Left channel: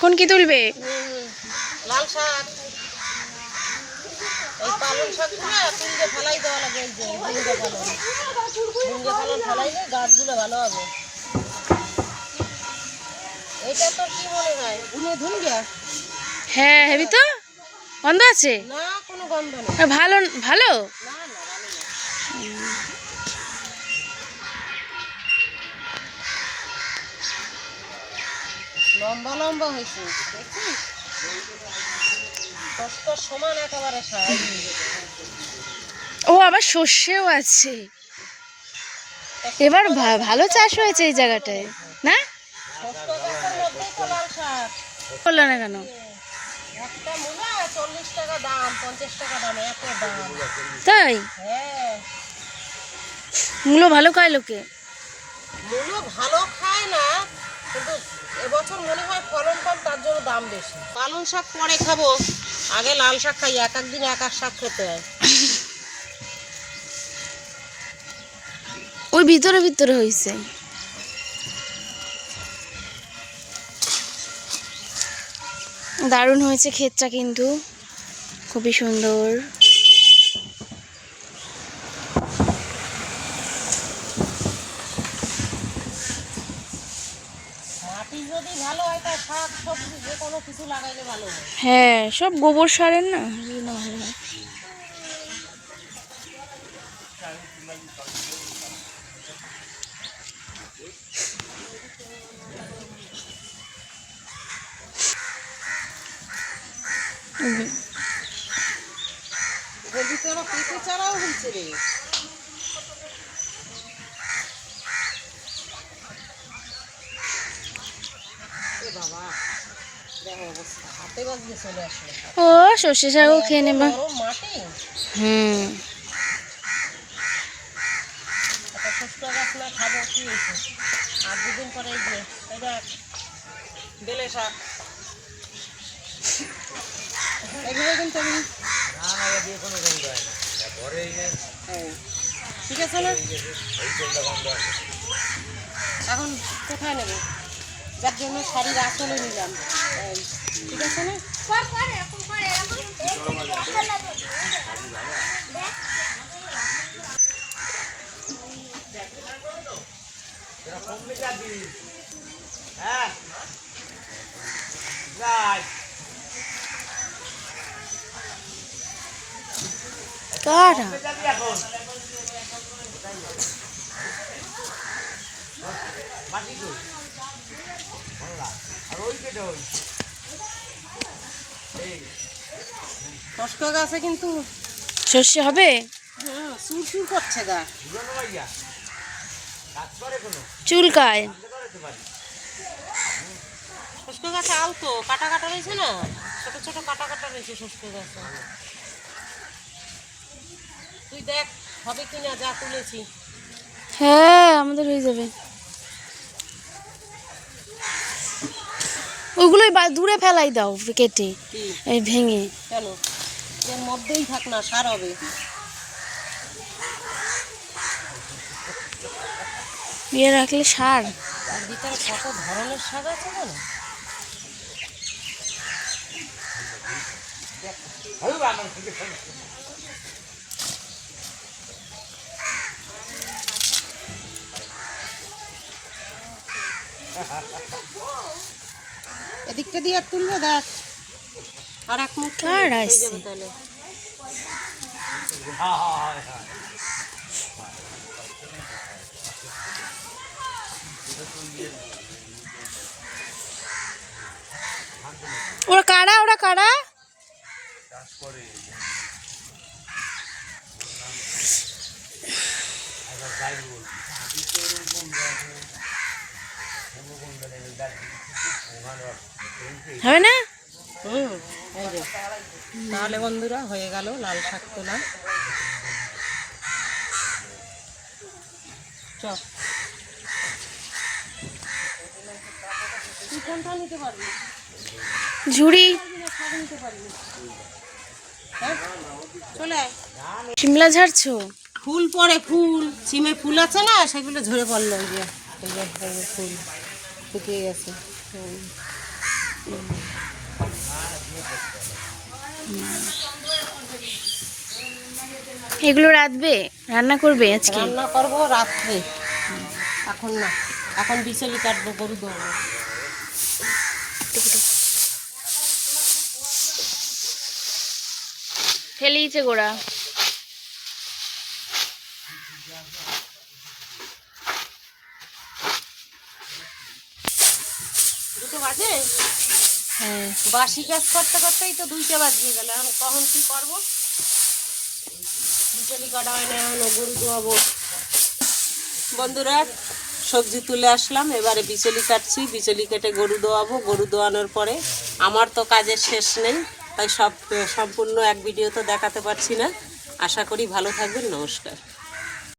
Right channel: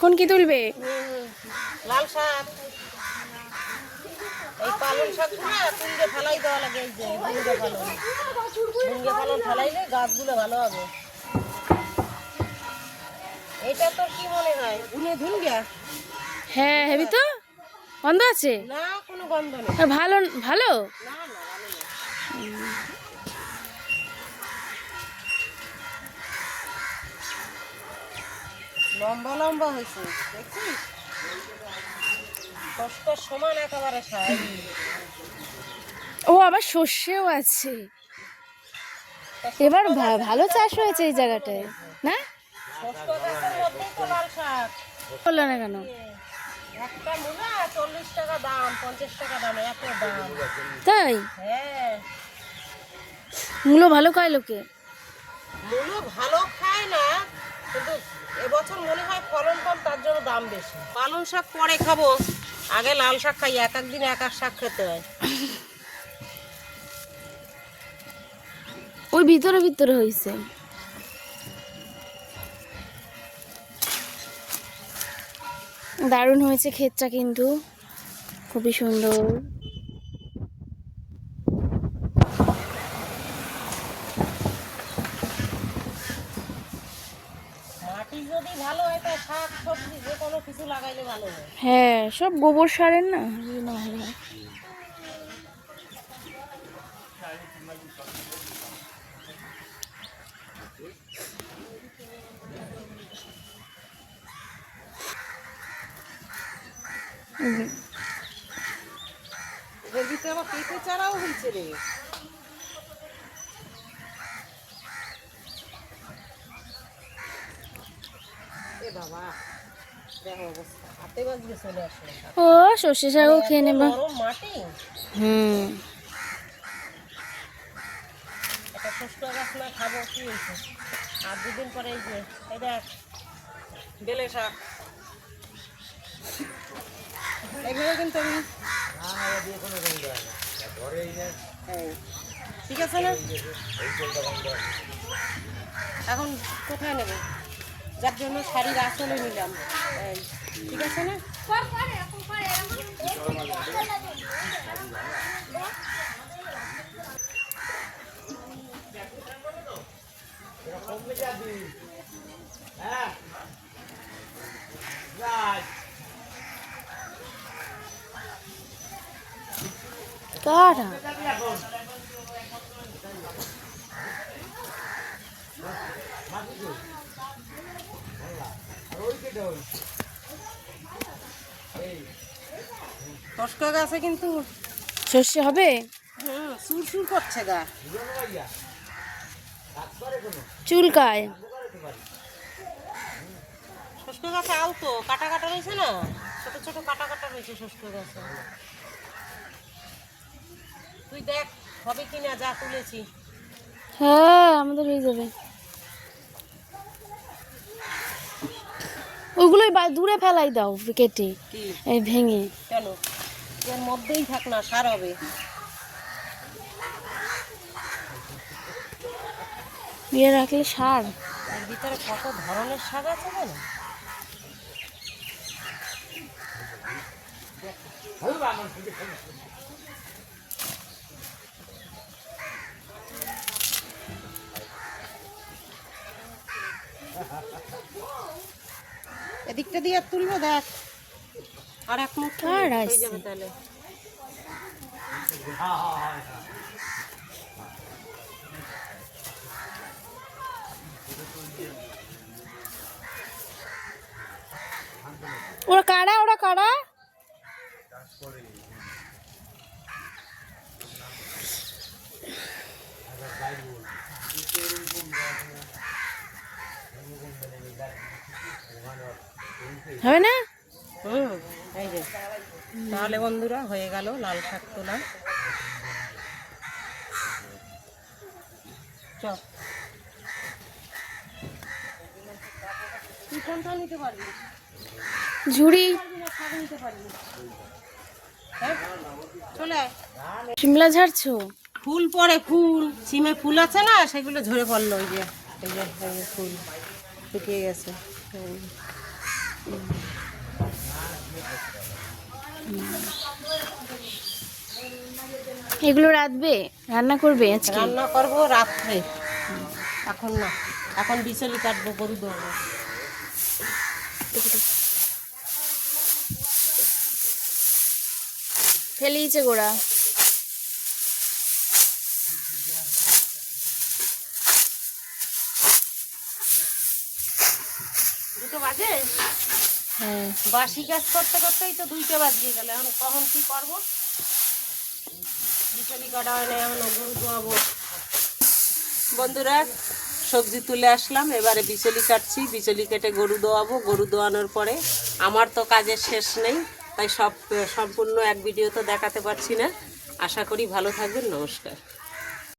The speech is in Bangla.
এখন কি তুলবে? লাল শাক, এই পালং শাকগুলো তুলতে ফেলাই দেওয়া লাগে। ভুঙ্গে ফেলান ফেলাইলে গাছগুলো ভালো হবে। এইটা তো কি মনে হয় গুনে ধুনবে? হ্যাঁ হেবি তো, গন্ধ আছে না, কোনো গন্ধ নেই। ভালো ভালো। না না, ভালো না। লম্বা লম্বা হয়েছে, দেখছিস? কষ্ট সমান একেবারে শাক। ও আবার সর্ষেও আছে। এবার ভালো চাষ হয়েছে এই জায়গাটায়, না? শক্ত গাছের মধ্যেই তো লাল শাক। করলো না কেন? একটা মূলা 40 টাকা দাম, 50 টাকা দাম, একটা দাম। তাই হ্যাঁ, মূলো ভালো খায় লোকে। মূলো ভালো খায় না, কিন্তু এবছর মনে হয় ফলন কম, তার জন্য দাম বেশি। পালং শাক পরে খাবো, আগে লাল শাক খাই। এক এক দিন এক এক শাক খেতে হয়। ওই ভিতরে ভিতরে হয়েছে। দারুণ হয়েছে ক্ষেতটা, কিন্তু খুবই সুন্দর। মাটি যদি ভালো হয় তা শাক সবজি যে কোনো কিছু লাগাইলে ভালো হয়। হ্যাঁ, সব গোবর সারের না, ভালো হয়। এর ভিতরে আবার পেঁপে চারাও হয়েছে রে। এ বাবা, দেখো অবস্থা, হাতে বাজলে চলে আসে। ও সর্ষে শাকও খেয়ে নেবা। নরম মাটি, হুম, একটা শুষ্ক গাছ না খাবো কি হয়েছে? আর দুদিন পরে এই যে এই দেখ বেলে শাক, এগুলো কিন্তু ঠিক আছে না? এখন কোথায় নেবে? যার জন্য শাড়ির আসলে নিলাম, ঠিক আছে না? কারা মস্কা গাছে কিন্তু সর্ষে হবে? সুর সুর করছে গা। চুলকায়। শুষ্ক গাছে আলতো কাটা কাটা রয়েছে না, ছোট ছোট কাটা কাটা রয়েছে শুষ্ক গাছে। তুই দেখ হবে কিনা, যা তুলেছি। হ্যাঁ আমাদের হয়ে যাবে। ওগুলোই দূরে ফেলাই দাও কেটে, কি এই ভেঙে। কেন? এর মধ্যেই থাক না, সার হবে। ইয়ে রাখলে সার। এর ভিতরে কত ধরনের শাক আছে না। এদিকটা দিয়ে তুলবো, দেখ আর এক মুখ কার আসছে? তাহলে ওরা কারা, ওরা কারা? হয় না? তাহলে বন্ধুরা হয়ে গেল লাল শাক তোলা। চল তুই কোনটা নিতে পারবি? ঝুড়ি নিতে পারবি, হ্যাঁ? চলে আয়। শিমলা ঝাড়ছো? ফুল পড়ে, ফুল সিমে ফুল আছে না, সেগুলো ঝরে পড়লো। ওই যে এই যে ফুল শুকিয়ে গেছে। এগুলো রাঁধবে, রান্না করবে আজকে? রান্না করবো রাত্রে, এখন না, এখন বিচলি কাটবো, গরু দেবো। ফেলেইছে গোড়া। দুটো বাজে? হ্যাঁ। বাসি কাজ করতে করতেই তো 2টা বাজিয়ে গেল। এখন কখন কি করবো? বিচলি কাটা হয় না, এখন গরু দোয়াবো। বন্ধুরা, সবজি তুলে আসলাম, এবারে বিচলি কাটছি, বিচলি কেটে গরু দোয়াবো। গরু দোয়ানোর পরে আমার তো কাজের শেষ নেই, তাই সম্পূর্ণ এক ভিডিও তো দেখাতে পারছি না। আশা করি ভালো থাকবেন। নমস্কার।